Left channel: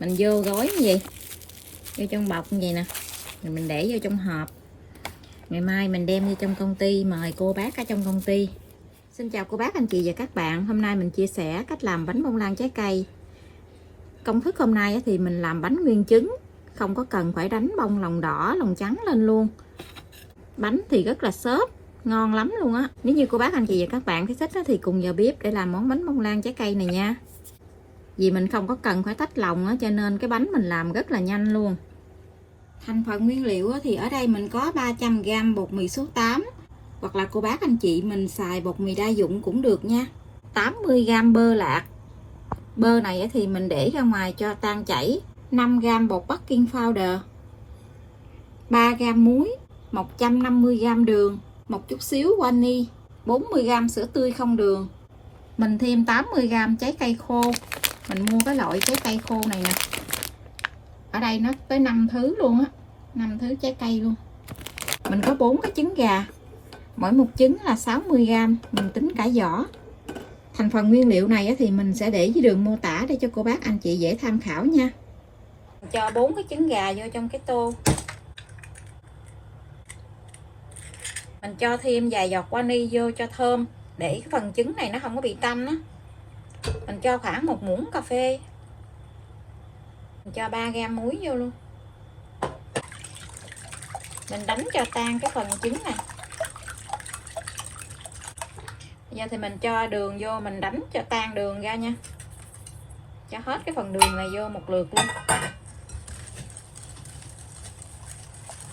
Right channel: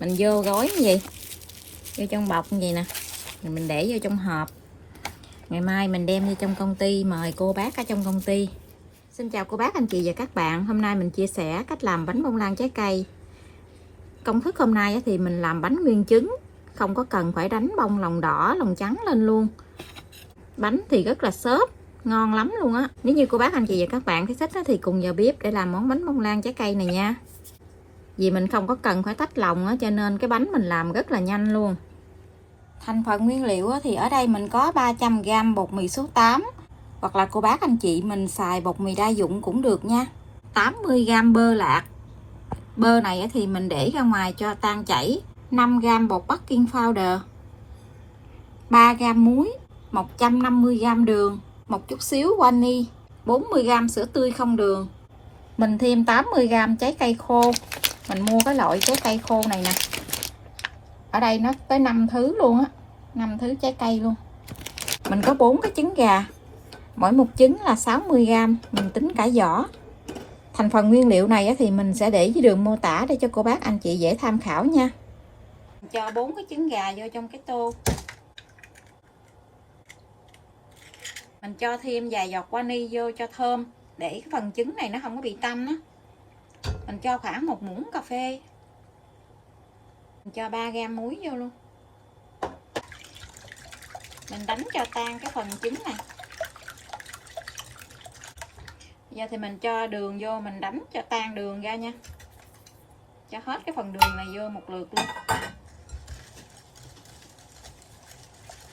Mình vô gói như vậy, vô trong bọc như vậy nè, rồi mình để vô trong hộp. Ngày mai mình đem đi trong công ty, mời cô bác ở trong công ty. Xin chào cô bác, anh chị và các bạn. Hôm nay mình chia sẻ cách làm bánh bông lan trái cây. Công thức hôm nay thì mình làm bánh nguyên trứng, không có cần phải đánh bông lòng đỏ, lòng trắng lên luôn. Bánh thì rất là xốp, ngon lắm luôn á. Nếu như cô bác, anh chị và các bạn thấy thích thì cùng vào bếp để làm món bánh bông lan trái cây này nha. Vì mình không có cần phải tách lòng á, cho nên cái bánh mình làm rất là nhanh luôn. Thành phần nguyên liệu thì ở đây mình có 300g bột mì số 8, hoặc là cô bác anh chị mình xài bột mì đa dụng cũng được nha. 80g bơ lạc. Bơ này thì mình để ra ngoài cho tan chảy. 5g bột baking powder, 3g muối, 150g đường, một chút xíu vani, 40g sữa tươi không đường. Mình thêm 80g trái cây khô. Mình mua cái loại trái cây khô này nè. Ở đây nó tới 5 thứ luôn á, 5 thứ trái cây luôn. Mình có 4 cái trứng gà. Mỗi một trứng là 60g, mình tính cả vỏ. Thành phần nguyên liệu này thì mình sẽ để dưới đường mô tả để cho cô bác anh chị dễ tham khảo nha. Cho 4 cái trứng gà vô trong cái tô. Mình cho thêm vài giọt vani vô cho thơm, để cái phần trứng này nó không có bị tanh á. Mình cho khoảng 1 muỗng cà phê. Mình cho 3g muối vô luôn. Mình đánh cho tan cái phần trứng này. Bây giờ thì mình cho đường vô, mình đánh cho tan đường ra nha. Cho hết cái phần đường này vô một lượt luôn.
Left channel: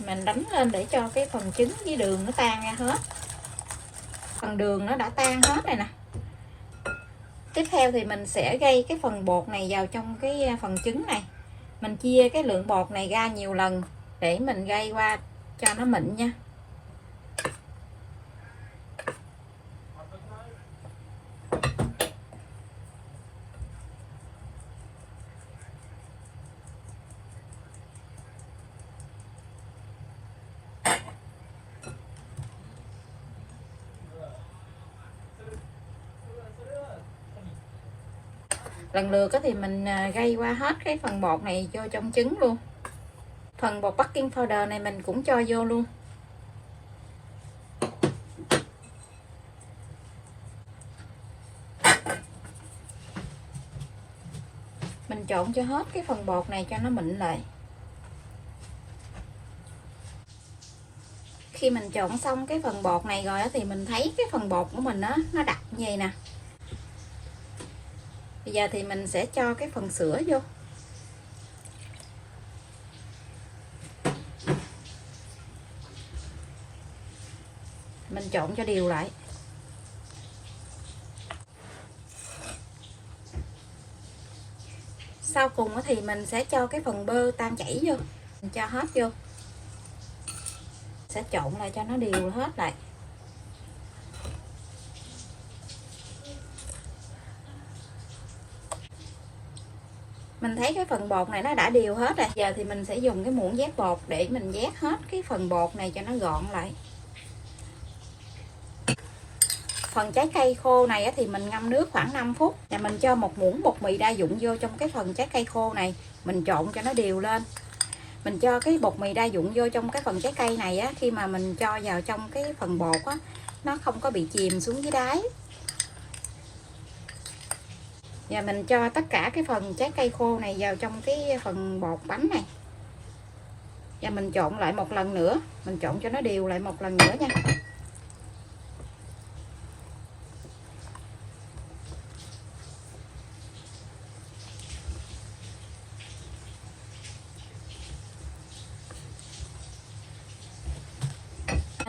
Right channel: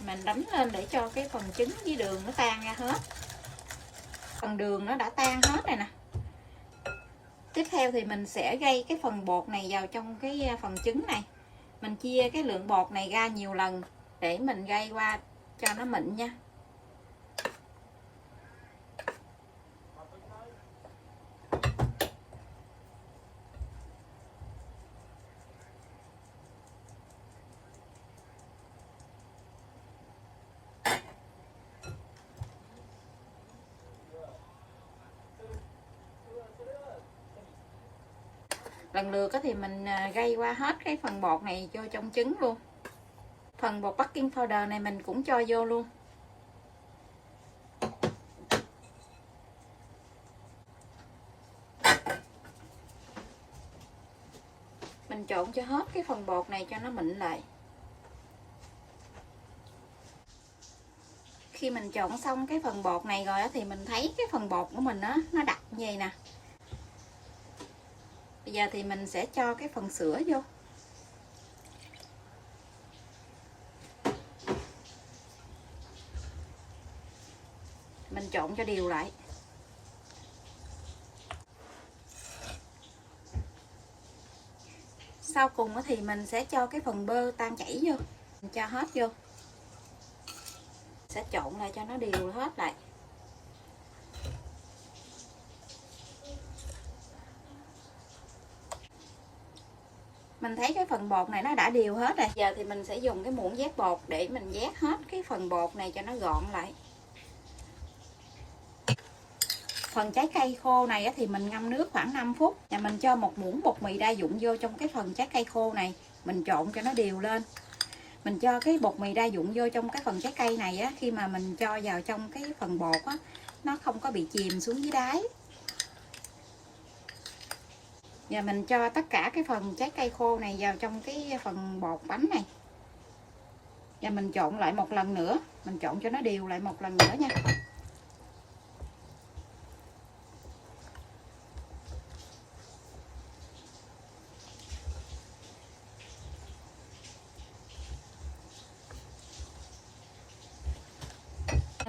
Mình đánh lên để cho cái phần trứng với đường nó tan ra hết. Phần đường nó đã tan hết này nè. Tiếp theo thì mình sẽ gây cái phần bột này vào trong cái phần trứng này. Mình chia cái lượng bột này ra nhiều lần để mình gây qua cho nó mịn nha. Lần lượt thì mình gây qua hết cái phần bột này vô trong trứng luôn. Phần bột baking powder này mình cũng cho vô luôn. Mình trộn cho hết cái phần bột này cho nó mịn lại. Khi mình trộn xong cái phần bột này rồi thì mình thấy cái phần bột của mình nó đặc như vậy nè. Bây giờ thì mình sẽ cho cái phần sữa vô. Mình trộn cho đều lại. Sau cùng thì mình sẽ cho cái phần bơ tan chảy vô. Mình cho hết vô. Sẽ trộn lại cho nó đều hết lại. Mình thấy cái phần bột này nó đã đều hết rồi. Giờ thì mình sẽ dùng cái muỗng vét bột để mình vét hết cái phần bột này cho nó gọn lại. Phần trái cây khô này thì mình ngâm nước khoảng 5 phút. Và mình cho 1 muỗng bột mì đa dụng vô trong cái phần trái cây khô này. Mình trộn cho nó đều lên. Mình cho cái bột mì đa dụng vô trong cái phần trái cây này khi mà mình cho vào trong cái phần bột nó không có bị chìm xuống dưới đáy. Và mình cho tất cả cái phần trái cây khô này vào trong cái phần bột bánh này. Và mình trộn lại một lần nữa. Mình trộn cho nó đều lại một lần nữa nha.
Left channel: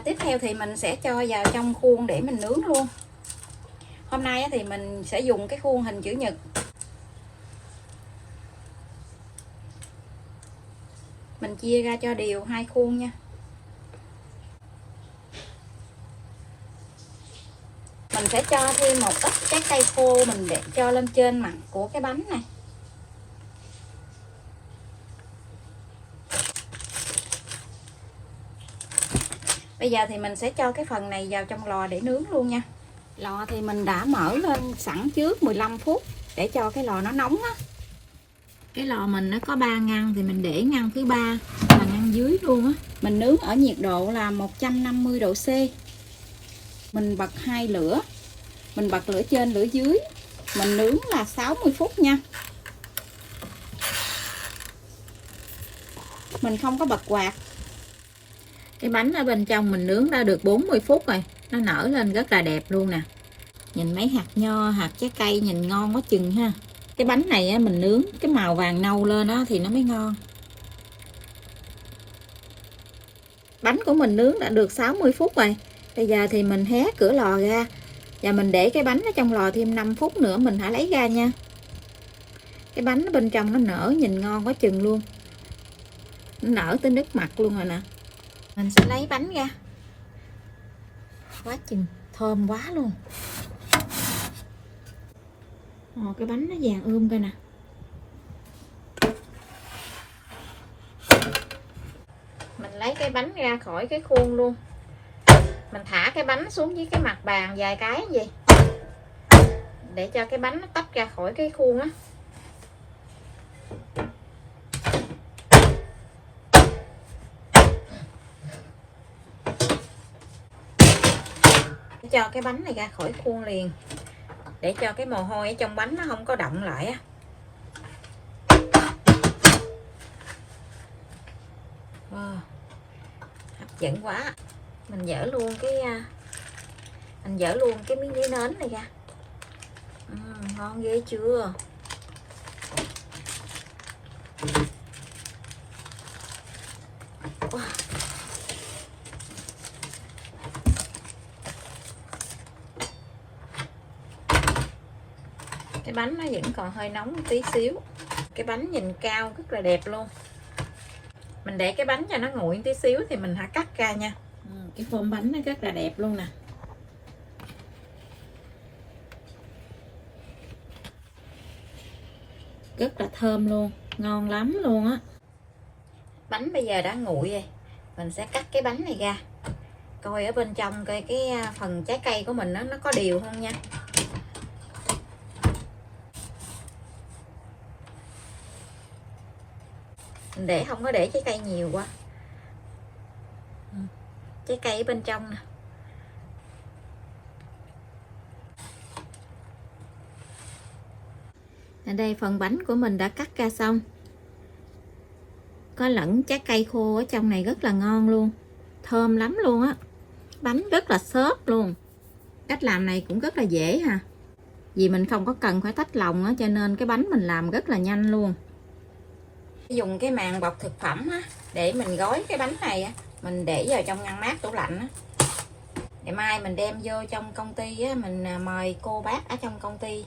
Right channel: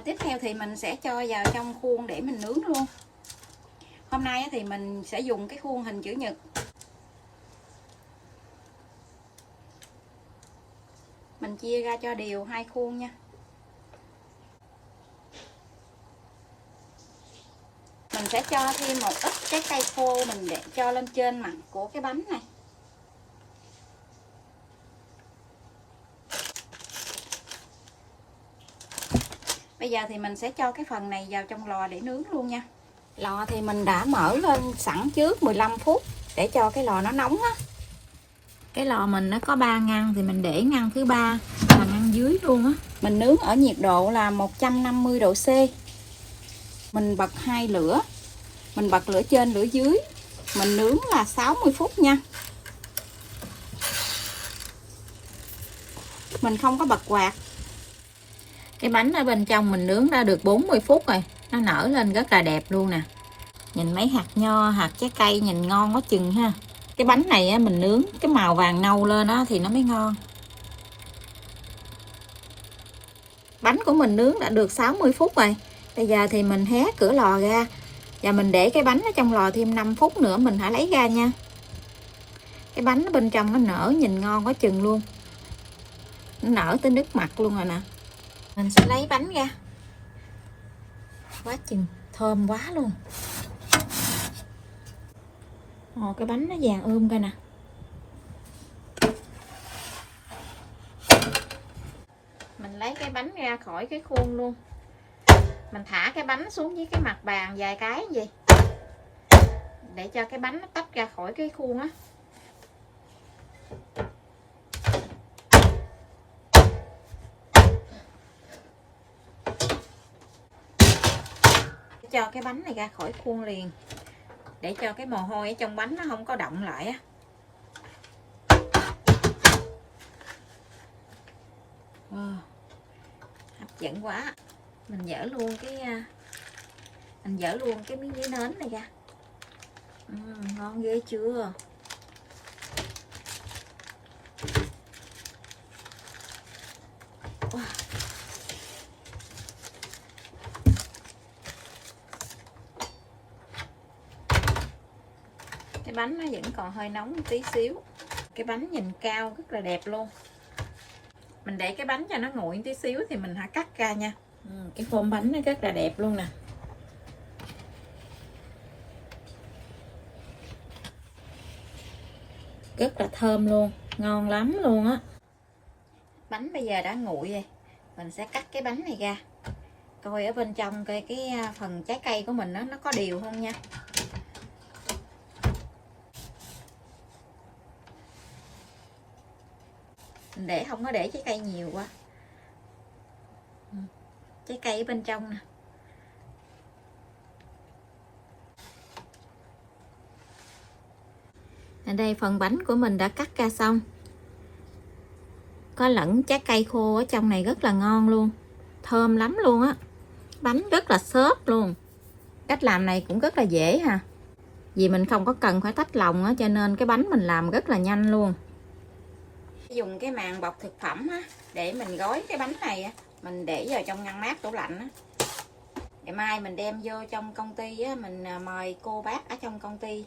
Tiếp theo thì mình sẽ cho vào trong khuôn để mình nướng luôn. Hôm nay thì mình sẽ dùng cái khuôn hình chữ nhật. Mình chia ra cho đều 2 khuôn nha. Mình sẽ cho thêm một ít trái cây khô mình để cho lên trên mặt của cái bánh này. Bây giờ thì mình sẽ cho cái phần này vào trong lò để nướng luôn nha. Lò thì mình đã mở lên sẵn trước 15 phút để cho cái lò nó nóng á. Cái lò mình nó có 3 ngăn thì mình để ngăn thứ ba là ngăn dưới luôn á. Mình nướng ở nhiệt độ là 150 độ C. Mình bật 2 lửa. Mình bật lửa trên lửa dưới. Mình nướng là 60 phút nha. Mình không có bật quạt. Cái bánh ở bên trong mình nướng đã được 40 phút rồi. Nó nở lên rất là đẹp luôn nè. Nhìn mấy hạt nho, hạt trái cây nhìn ngon quá chừng ha. Cái bánh này á, mình nướng cái màu vàng nâu lên đó thì nó mới ngon. Bánh của mình nướng đã được 60 phút rồi. Bây giờ thì mình hé cửa lò ra. Và mình để cái bánh ở trong lò thêm 5 phút nữa mình hãy lấy ra nha. Cái bánh ở bên trong nó nở nhìn ngon quá chừng luôn. Nó nở tới nước mặt luôn rồi nè. Mình sẽ lấy bánh ra. Quá chừng thơm quá luôn. Cái bánh nó vàng coi nè. Mình lấy cái bánh ra khỏi cái khuôn luôn. Mình thả cái bánh xuống với cái mặt bàn vài cái vậy. Để cho cái bánh nó tách ra khỏi cái khuôn á. Để cho cái bánh này ra khỏi khuôn liền. Để cho cái mồ hôi ở trong bánh nó không có động lại á. Hấp dẫn quá. Mình dỡ luôn cái miếng giấy nến này ra. Ngon ghê chưa? Cái bánh nó vẫn còn hơi nóng một tí xíu. Cái bánh nhìn cao rất là đẹp luôn. Mình để cái bánh cho nó nguội tí xíu thì mình hãy cắt ra nha. Cái form bánh nó rất là đẹp luôn nè. Rất là thơm luôn, ngon lắm luôn á. Bánh bây giờ đã nguội rồi. Mình sẽ cắt cái bánh này ra. Coi ở bên trong cái phần trái cây của mình nó có đều không nha. Mình để không có để trái cây nhiều quá. Trái cây ở bên trong nè. Ở đây phần bánh của mình đã cắt ra xong. Có lẫn trái cây khô ở trong này rất là ngon luôn. Thơm lắm luôn á. Bánh rất là xốp luôn. Cách làm này cũng rất là dễ ha. Vì mình không có cần phải tách lòng á, cho nên cái bánh mình làm rất là nhanh luôn. Dùng cái màng bọc thực phẩm á, để mình gói cái bánh này á, mình để vào trong ngăn mát tủ lạnh á. Ngày mai mình đem vô trong công ty á, mình mời cô bác ở trong công ty.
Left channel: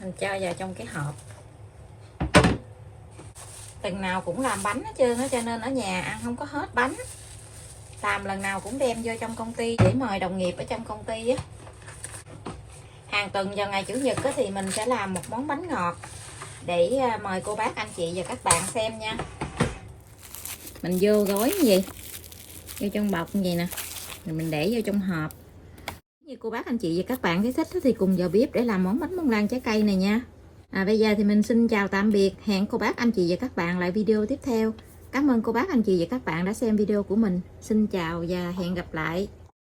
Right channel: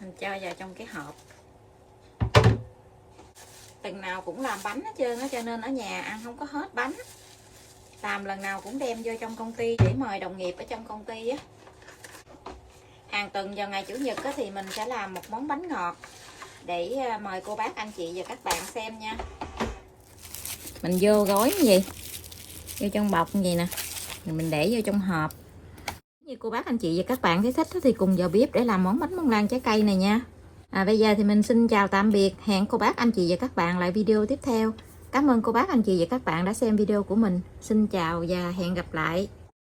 Mình cho vào trong cái hộp. Lần nào cũng làm bánh hết trơn á, cho nên ở nhà ăn không có hết bánh. Làm lần nào cũng đem vô trong công ty để mời đồng nghiệp ở trong công ty á. Hàng tuần vào ngày Chủ nhật á, thì mình sẽ làm một món bánh ngọt để mời cô bác anh chị và các bạn xem nha. Mình vô gói như vậy, vô trong bọc như vậy nè, rồi mình để vô trong hộp. Như cô bác anh chị và các bạn thấy thích thì cùng vào bếp để làm món bánh bông lan trái cây này nha. Bây giờ thì mình xin chào tạm biệt. Hẹn cô bác anh chị và các bạn lại video tiếp theo. Cảm ơn cô bác anh chị và các bạn đã xem video của mình. Xin chào và hẹn gặp lại.